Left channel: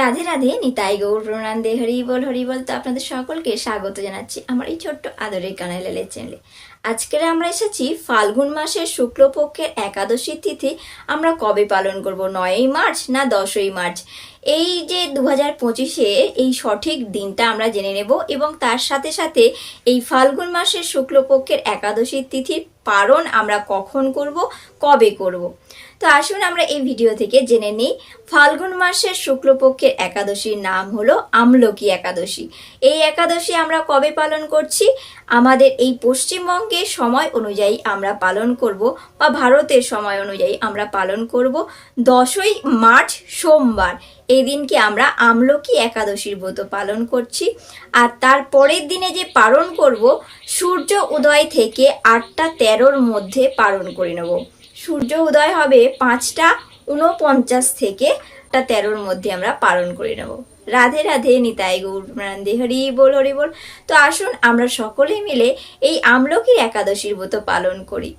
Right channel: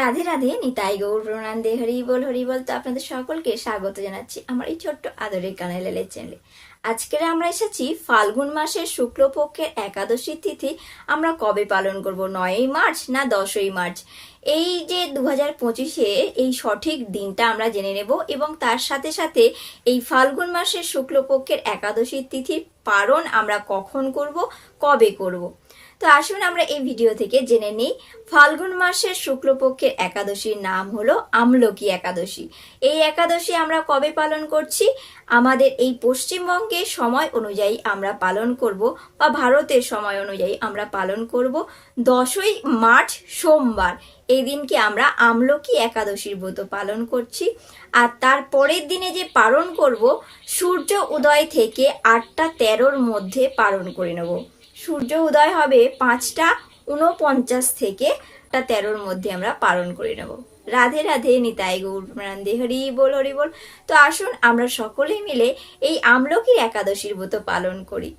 রাধে রাধে, নিতাই গৌর প্রণান্দে, হরি বল। তো আপনাদের সকলকে স্বাগত জানাচ্ছি আমার এই ছোট্ট আদরের কানাইলালের চ্যানেলে। আজকের আমরা এসেছি ফাল্গুন মাসের শুক্লপক্ষের একাদশী তিথি আমরা কবে পালন করব, 9ই মার্চ না 10ই মার্চ। এই যে 2025-এ এই সঠিক দিনটা আমরা জেনে নেব এবং তার সাথে সাথে এই ফাল্গুন মাসের শুক্লপক্ষের একাদশী তিথির পালন আমরা কখন করব, কবে করব। তো আসুন আমরা এই ভিডিও থেকে জেনে নিই। ফাল্গুন মাসের শুক্লপক্ষের একাদশীর নাম হলো আমলকি একাদশী। এই একাদশী আমরা কবে পালন করছি? আমাদের এই পশ্চিমবঙ্গের সময় অনুযায়ী আমরা পালন করব, বা ভারতের সময় অনুযায়ী আমরা পালন করব 10ই মার্চ সোমবার। এই দিনকে আমরা আমলকি একাদশীর ব্রত পালন করছি। আর তার পরের দিনে যে পালন করব, সূর্য উদয় থেকে 8টা 13-র মধ্যে পালন করে নেব। সূর্য উদয় হবে 5টা 49 থেকে 8টা 13-র মধ্যে আমরা পালন করে নেব। রাধে রাধে, নিতাই গৌর প্রণান্দে, হরি বল। তো আসুন আমরা সকলে মিলে এই আমলকি একাদশীর ব্রত পালন করি।